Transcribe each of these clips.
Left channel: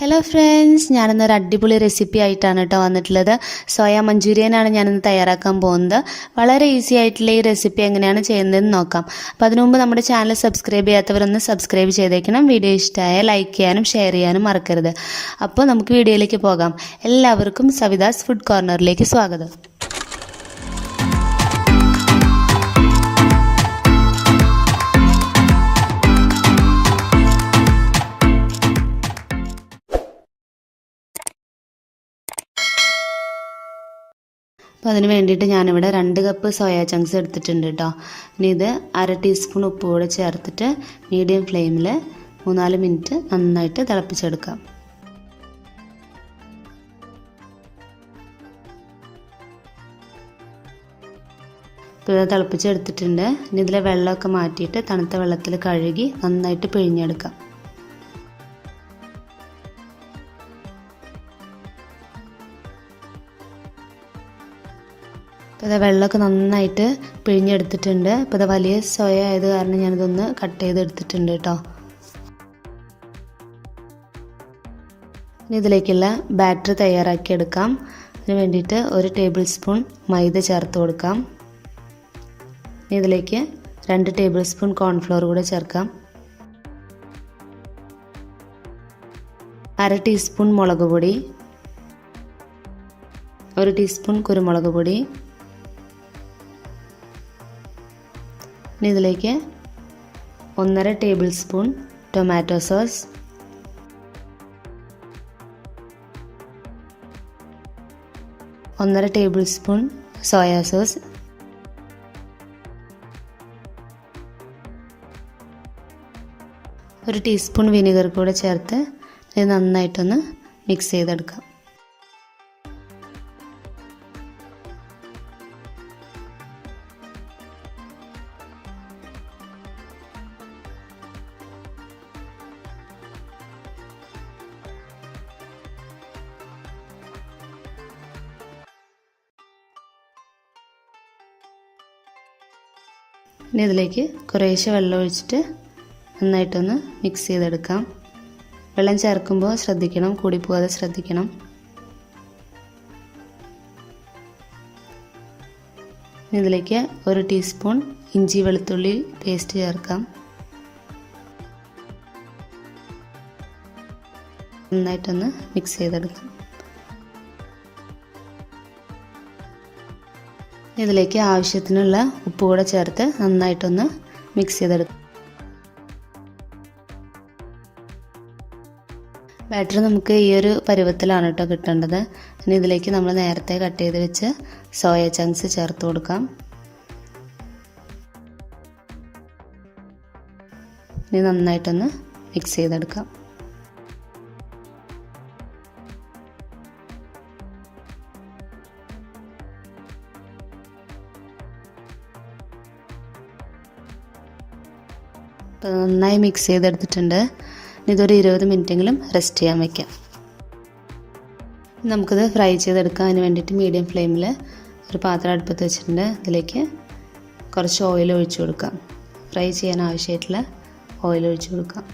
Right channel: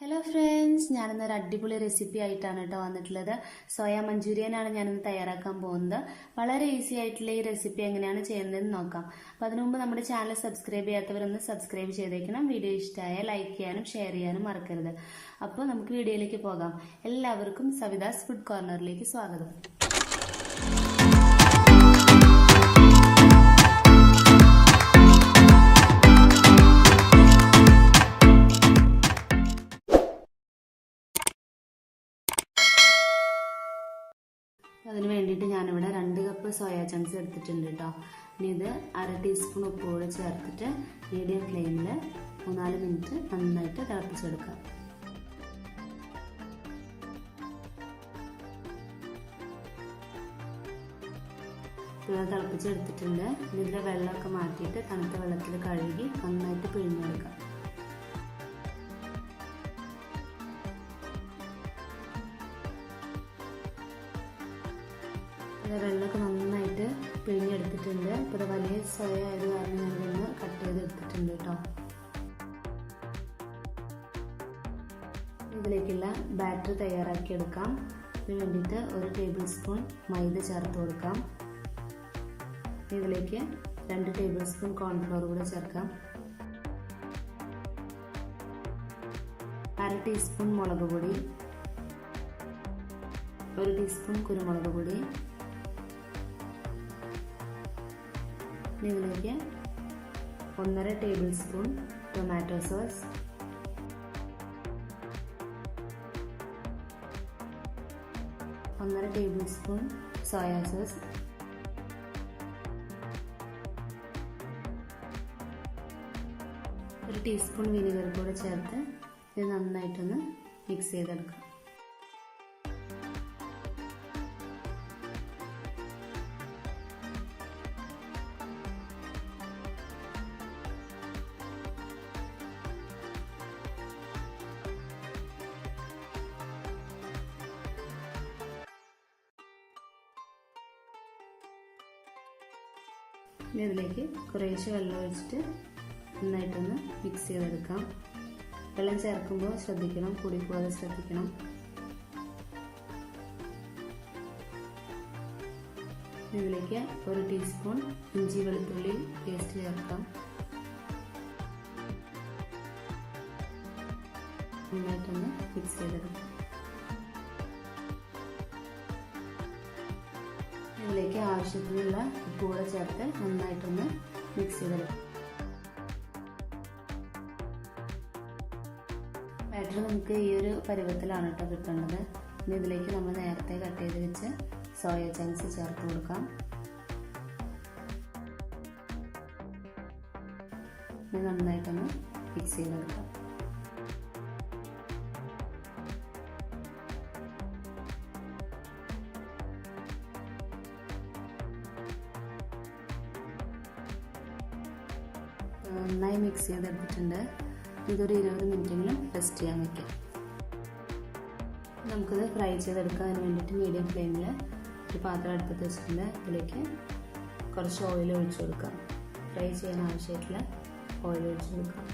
Hello friends ഞാനിന്നൊരു അടിപൊളി recipe ആയിട്ടാണ് കേട്ടോ വന്നിട്ടുള്ളത്. സോയ മഞ്ചൂരിയനാണ് ഞാനിന്ന് തയ്യാറാക്കാൻ പോകുന്നത്. വളരെ ഈസി ആയിട്ടുള്ള ഈ റെസിപ്പി എങ്ങനെയാണ് ചെയ്യുന്നതെന്ന് നോക്കാം. അപ്പോൾ അതിനു മുമ്പ് നമ്മുടെ ചാനൽ സബ്സ്ക്രൈബ് ചെയ്യാത്തവരൊന്ന് സബ്സ്ക്രൈബ് ചെയ്തേക്കണം. വീഡിയോ ഇഷ്ടമായ ലൈക്ക് ചെയ്യാനും ഷെയർ ചെയ്യാനും മറക്കരുത്. അപ്പോൾ നമുക്ക് വീഡിയോയിലേക്ക് പോകാം. എല്ലാവർക്കും സവിതാസ് ഫുഡ് കോർണറിലേക്ക് സ്വാഗതം. അപ്പോൾ അതിന് വേണ്ടിയിട്ട് ഞാനിവിടെ രണ്ട് കപ്പ് സോയാ ചങ്ക്സ് എടുത്തിട്ടുണ്ട് കേട്ടോ ഇനി ഇത് അര ടീസ്പൂൺ ഉപ്പ് കൂടെ ചേർത്തിട്ട് മീഡിയം ഫ്ലെയിമിൽ മൂന്നാൽ മിനിറ്റ് നന്നായിട്ട് തിളപ്പിച്ചെടുക്കാം. തുഴ തിളപ്പിച്ചെടുത്തിട്ടുണ്ട്. ഇനി ഇതിലെ വെള്ളമൊക്കെ മാറ്റിയിട്ട് തണുത്ത വെള്ളത്തിൽ കഴുകി നന്നായിട്ട് പിഴിഞ്ഞെടുക്കാം. അപ്പോൾ ഇത് വെള്ളമൊക്കെ നന്നായിട്ട് പിഴിഞ്ഞെടുത്തിട്ടുണ്ട്. അപ്പോൾ ഇത് വലിയ സോയ ആയത് കാരണം ഞാനിതൊന്ന് കട്ട് ചെയ്തെടുത്തിട്ടുണ്ട് കേട്ടോ. ഇനി ഇതിലേക്കുള്ള ബാറ്റർ തയ്യാറാക്കിയെടുക്കാം അതിന് വേണ്ടിയിട്ട് ഒരു ടേബിൾ സ്പൂൺ മൈദ ചേർത്ത് കൊടുക്കാം. ഇനി ഇതിലേക്ക് രണ്ട് ടേബിൾ സ്പൂൺ കോൺഫ്ലോർ കൂടെ ചേർക്കാം. അര ടീസ്പൂൺ മുളക് പൊടി. ഒരു ടീസ്പൂൺ കുരുമുളക് പൊടി. ഇതിലേക്ക് ഒന്നര ടേബിൾ സ്പൂൺ ടൊമാറ്റോ സോസ്. ഒന്നര ടേബിൾ സ്പൂൺ സോയാ സോസ്. ഒരു ടീസ്പൂൺ വിനെഗർ കൂടെ ചേർത്ത് ഇത് നന്നായിട്ടൊന്ന് മിക്സ് ചെയ്തെടുക്കാം. ഇനി ഇതിലേക്ക് കുറേശ്ശെ വെള്ളം ഒഴിച്ചിട്ട് നന്നായിട്ടൊന്ന് മിക്സ് ചെയ്തെടുക്കാം. വെള്ളം ചേർക്കുമ്പോൾ ശ്രദ്ധിക്കണം കൂടിപ്പോകാതെ ശ്രദ്ധിക്കണം. ഇതിലേക്ക് ഒരു ടീസ്പൂൺ ഇഞ്ചി വെളുത്തുള്ളി പേസ്റ്റ് ചേർക്കാം. നന്നായിട്ടൊന്ന് മിക്സ് ചെയ്തെടുക്കാം. ഇതിലേക്ക് ആവശ്യത്തിനുള്ള ഉപ്പ് കൂടെ ചേർത്ത് നന്നായിട്ടൊന്ന് മിക്സ് ചെയ്തെടുക്കും. ബാറ്റർ നമുക്ക് ഈ ഒരു പരുവത്തിലാണ് കേട്ടോ കിട്ടേണ്ടത്. ഇനി ഇതിലേക്ക് നമ്മൾ നേരത്തെ കട്ട് ചെയ്ത് വെച്ച് സോയ ചങ്ക്സ് ചേർത്ത് കൊടുക്കാം. ഇനി നന്നായിട്ടൊന്ന് മിക്സ് ചെയ്തെടുക്കാം. നന്നായി മിക്സ് ചെയ്തെടുത്തിട്ടുണ്ട്. ഇതൊരു ഇരുപത് മിനിറ്റെങ്കിലും റെസ്റ്റ് ചെയ്യാൻ വയ്ക്കാം നമുക്കിത് ഫ്രൈ ചെയ്തെടുക്കാൻ വേണ്ടിയിട്ട് മീഡിയം ഫ്ലെയിമിൽ ഒരു പാത്രം അടുപ്പത്ത് വെച്ചിട്ടുണ്ട്. അതിലേക്ക് കുറച്ച് ഓയിൽ ഒഴിച്ചു കൊടുക്കാം. ഫ്രൈ ചെയ്യാൻ ആവശ്യമായിട്ടുള്ള ഓയിൽ ഒഴിച്ചു കൊടുക്കാം.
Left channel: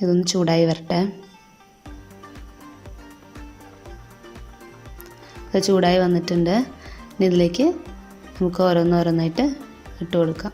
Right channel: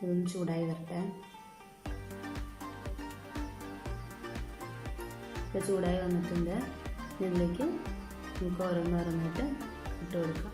ഇതൊന്ന് ചൂടായി വരട്ടെ. ഇത് ചൂടായി വന്നിട്ടുണ്ട്. ഇനി ഇതിലേക്ക് നമുക്ക് ഓരോന്നോരോന്നായിട്ട് ഇട്ട് കൊടുക്കാം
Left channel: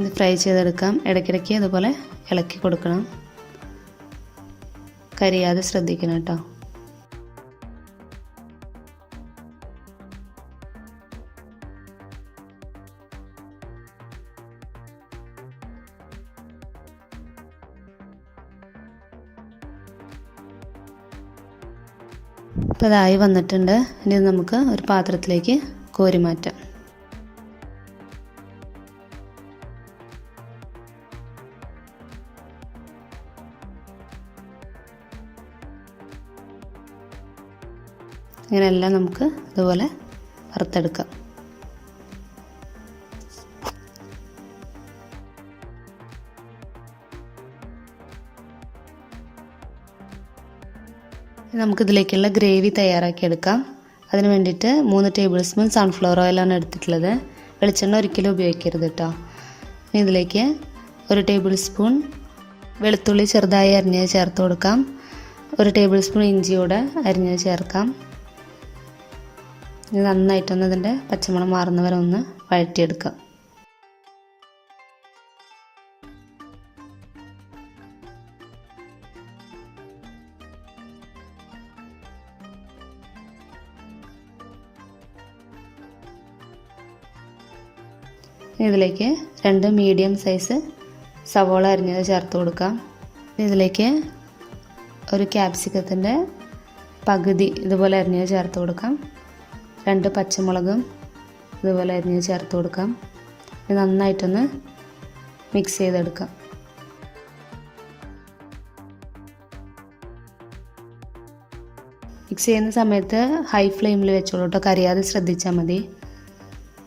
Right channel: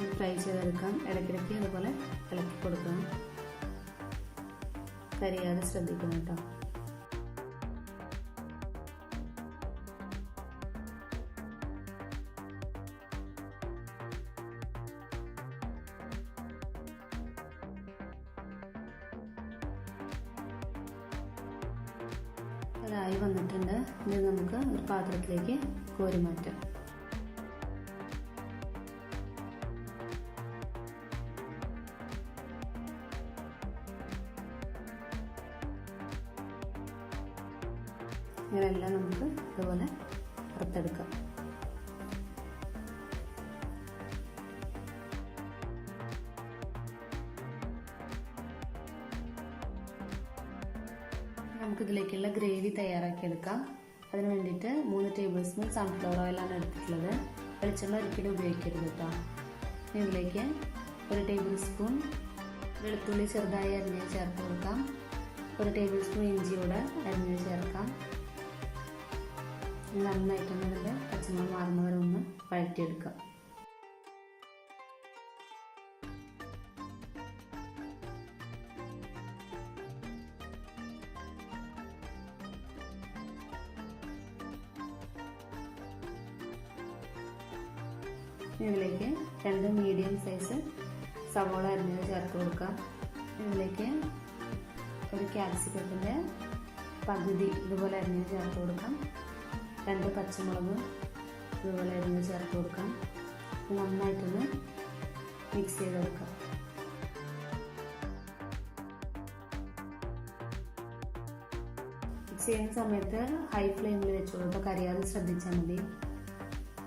ഇത് ഫ്രൈ ചെയ്തെടുക്കാം. ഇടയ്ക്കിടയ്ക്ക് അതുപോലെ ഇളക്കി കൊടുക്കണം. കരിയാതെ ശ്രദ്ധിക്കണം കേട്ടോ. അപ്പോൾ അതായി വന്നിട്ടുണ്ട്. ഇനി നമുക്ക് ഒരു പാത്രത്തിലേക്ക് കോരി മാറ്റാം. ഇങ്ങനെയെല്ലാം നമുക്ക് ഇതുപോലെ വറുത്തെടുക്കാം. നമുക്കിതിലേക്കുള്ള ഗ്രേവി തയ്യാറാക്കി എടുക്കാം. അതിന് വേണ്ടിയിട്ട് മൂന്ന് ടേബിൾ സ്പൂൺ സൺഫ്ലവർ ഓയിലാണ് എടുത്തിട്ടുള്ളത്. വെളിച്ചെണ്ണ ഒരിക്കലും ഉപയോഗിക്കരുത് കേട്ടോ. ഇനി ഇതിലേക്ക് ഒരു ടേബിൾ സ്പൂൺ വെളുത്തുള്ളി ചെറുതായി അരിഞ്ഞത് ചേർത്ത് കൊടുക്കാം. ഒരു ടേബിൾ സ്പൂൺ ഇഞ്ചിയോടെ അരിഞ്ഞത് ചേർക്കാം. ഇത് നന്നായിട്ടൊന്ന് ഇതിന്റെ പച്ചമണം മാറുന്നവരെ ഒന്ന് വഴറ്റിയെടുക്കാം. ഇതിലേക്ക് രണ്ട് മീഡിയം സൈസ് സവോള അരിഞ്ഞത് ചേർത്ത് കൊടുക്കാം. ഇതിലേക്ക് ഒരു ക്യാപ്സിക്കത്തിന്റെ പകുതി ഇതുപോലെ അരിഞ്ഞത് ചേർത്ത് കൊടുക്കാം. രണ്ട് പച്ചമുളകും ഇതുപോലെ അരിഞ്ഞ് ചേർത്ത് കൊടുക്കാം. ഇത് നന്നായിട്ടൊന്ന് മിക്സ് ചെയ്തെടുക്കാം. മിക്സ് ചെയ്യുന്ന സമയത്ത് ഹൈ ഫ്ലെയിമിൽ വെച്ചോളൂ കേട്ടോ. കരിയാതെ ശ്രദ്ധിച്ചാൽ മതി.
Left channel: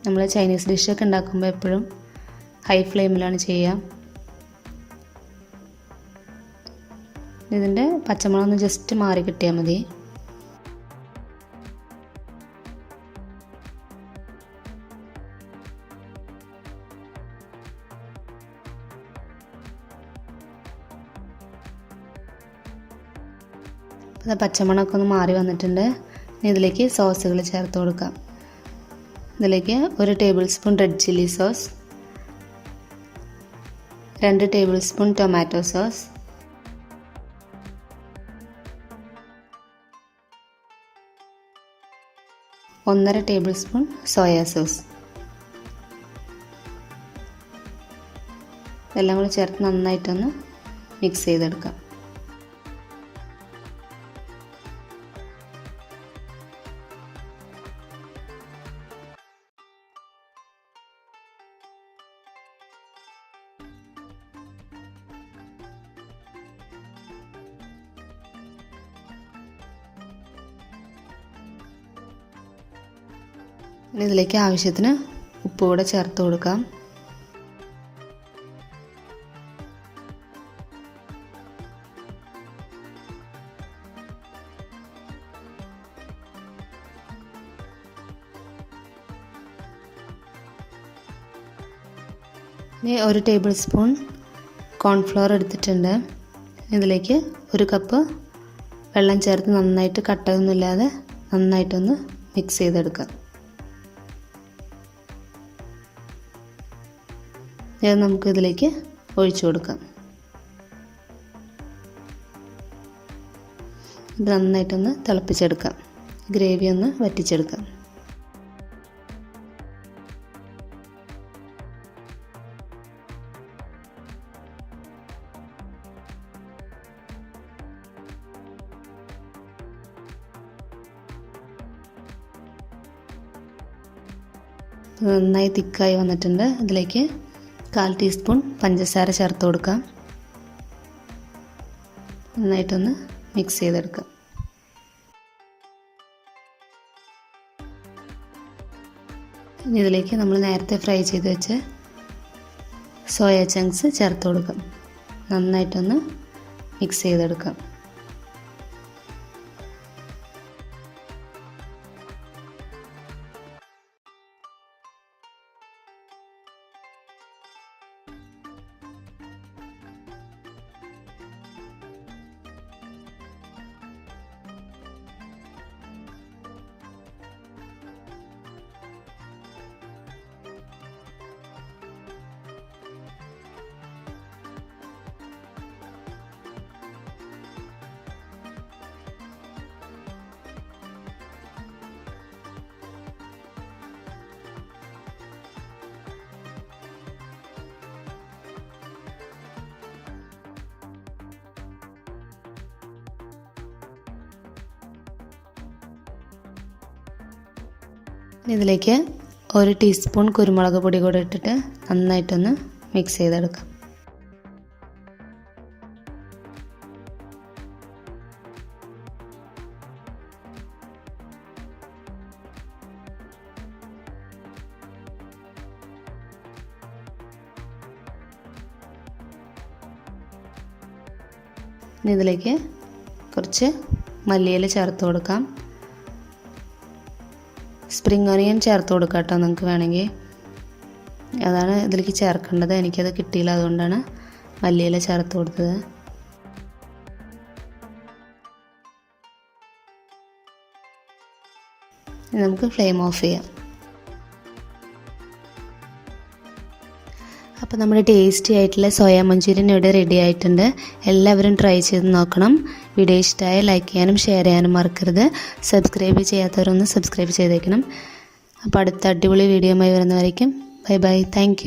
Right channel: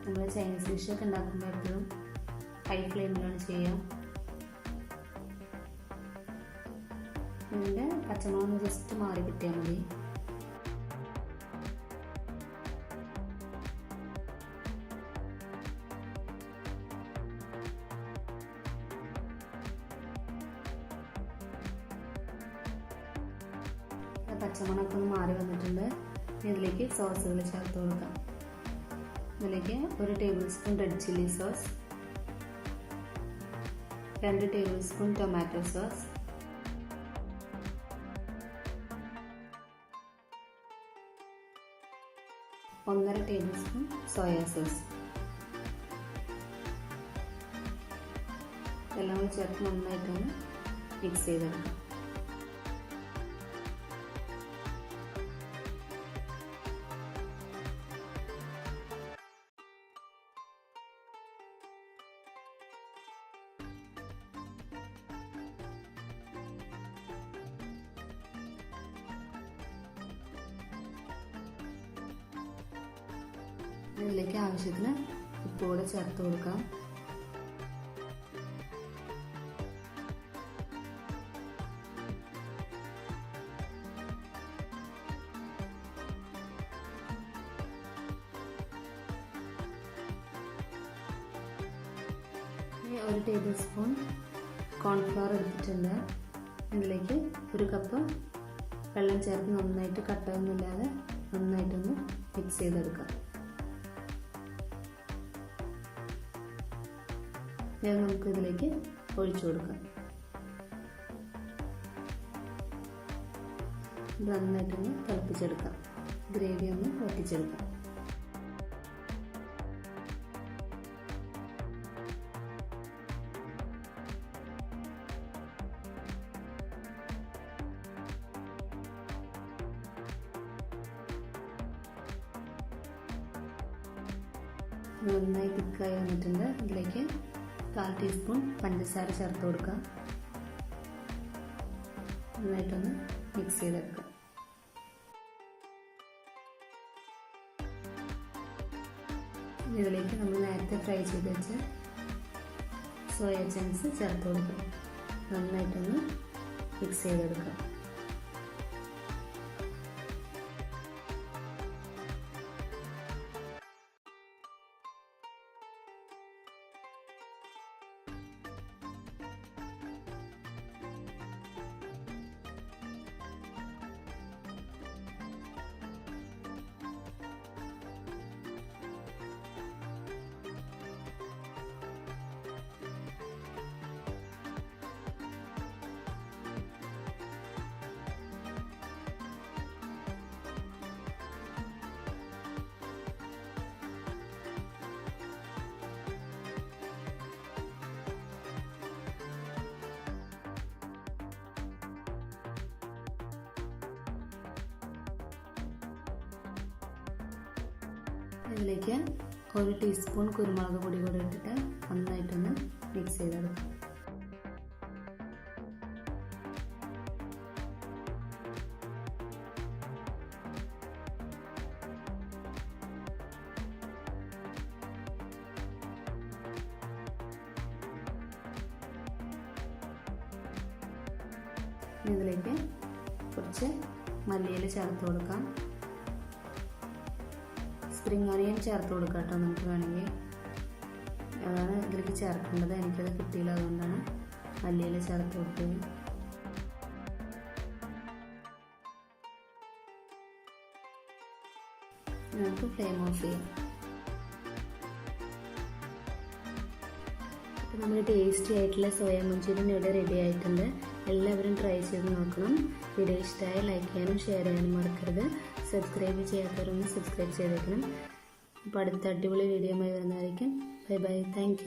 നമ്മൾ ചൈനീസ് ഡിഷൊക്കെ ഉണ്ടാക്കുമ്പോൾ എപ്പോഴും ഹൈ ഫ്ലെയിമിലാണ് ചെയ്യുക ഇതിന്റെ പച്ചമുളക് ഒന്ന് ജസ്റ്റ് മാറി കിട്ടിയാൽ മതി. അത് പച്ചമണമൊക്കെ ഒന്ന് മാറി വന്നിട്ടുണ്ട്. ഇതിലേക്ക് സോസുകൾ ചേർത്ത് കൊടുക്കാം. ഇതിലേക്ക് ഒരു table spoon red chilli sauce രണ്ട് ടേബിൾ സ്പൂൺ ടൊമാറ്റോ സോസ് ഒന്നര ടേബിൾ സ്പൂൺ സോയാ സോസ്. എല്ലാം കൂടി ചേർത്ത് നന്നായിട്ടൊന്ന് മിക്സ് ചെയ്തെടുക്കാം. ഇതിലേക്ക് ആവശ്യത്തിന് ഉപ്പ് കൂടെ ചേർത്ത് കൊടുക്കാം. ഇനി ഒരു ടേബിൾ സ്പൂൺ കോൺഫ്ലവർ എടുത്തിട്ടുണ്ട്. ഇതിലേക്ക് ഒരു കപ്പ് വെള്ളം ചേർത്ത് നന്നായിട്ട് കട്ടയൊന്നുമില്ലാതെ നന്നായിട്ടൊന്ന് മിക്സ് ചെയ്തെടുക്കാം. ഇത് നമുക്ക് ഇതിലേക്ക് ഒഴിച്ചു കൊടുക്കാം. ഇത് നന്നായിട്ടൊന്ന് തിളപ്പിച്ചെടുക്കാം. ഗ്രേവി ഒന്ന് വറ്റിച്ചെടുക്കാം. നന്നായി തിക്കായി വന്നിട്ടുണ്ട്. ഇതിലേക്ക് കാൽ ടീസ്പൂൺ പഞ്ചസാര ചേർത്ത് കൊടുക്കാം നന്നായിട്ടൊന്ന് മിക്സ് ചെയ്തെടുക്കാം ഇനി ഇതിലേക്ക് നമ്മൾ നേരത്തെ ഫ്രൈ ചെയ്ത് വെച്ച് സോയ ചങ്ക്സ് ചേർത്ത് കൊടുക്കാം നന്നായിട്ടൊന്ന് മിക്സ് ചെയ്തെടുക്കാം ഇതിലേക്ക് ഒരു ടീസ്പൂൺ കുരുമുളക് പൊടി കൂടെ ഇട്ടിട്ട് നന്നായിട്ടൊന്ന് മിക്സ് ചെയ്തെടുക്കാം. ഇതിലേക്ക് കുറച്ച് മല്ലിയില ചേർത്ത് കൊടുക്കാം. സ്പ്രിംഗ് ഓണിയൻ ചേർത്ത് കൊടുക്കാം കേട്ടോ നിങ്ങൾക്ക് വേണമെങ്കിൽ. അതാണ് ഇതിലേക്ക് ചേർക്കേണ്ടത്. എനിക്കത് കിട്ടിയില്ല അതുകൊണ്ടാണ് മല്ലിയില ചേർത്ത് കൊടുത്തത്. നമുക്ക് ഫ്ലെയിം ഓഫ് ചെയ്യാം. അപ്പോൾ നമ്മുടെ ടേസ്റ്റി ആയിട്ടുള്ള സോയാ മഞ്ചൂരിയൻ ഇവിടെ റെഡി ആയിട്ടുണ്ട്. എല്ലാവരും ട്രൈ ചെയ്ത് നോക്കണം. വീഡിയോ ഇഷ്ടമായ ലൈക്ക് ചെയ്യാനും ഷെയർ ചെയ്യാനും മറക്കരുത്. സബ്സ്ക്രൈബ് ചെയ്യാത്തവരൊന്ന് സബ്സ്ക്രൈബ് ചെയ്തേക്കണം. അപ്പോൾ അടുത്ത അടിപൊളി വീഡിയോയുമായി വരുന്നവരേക്കും. Bye bye thank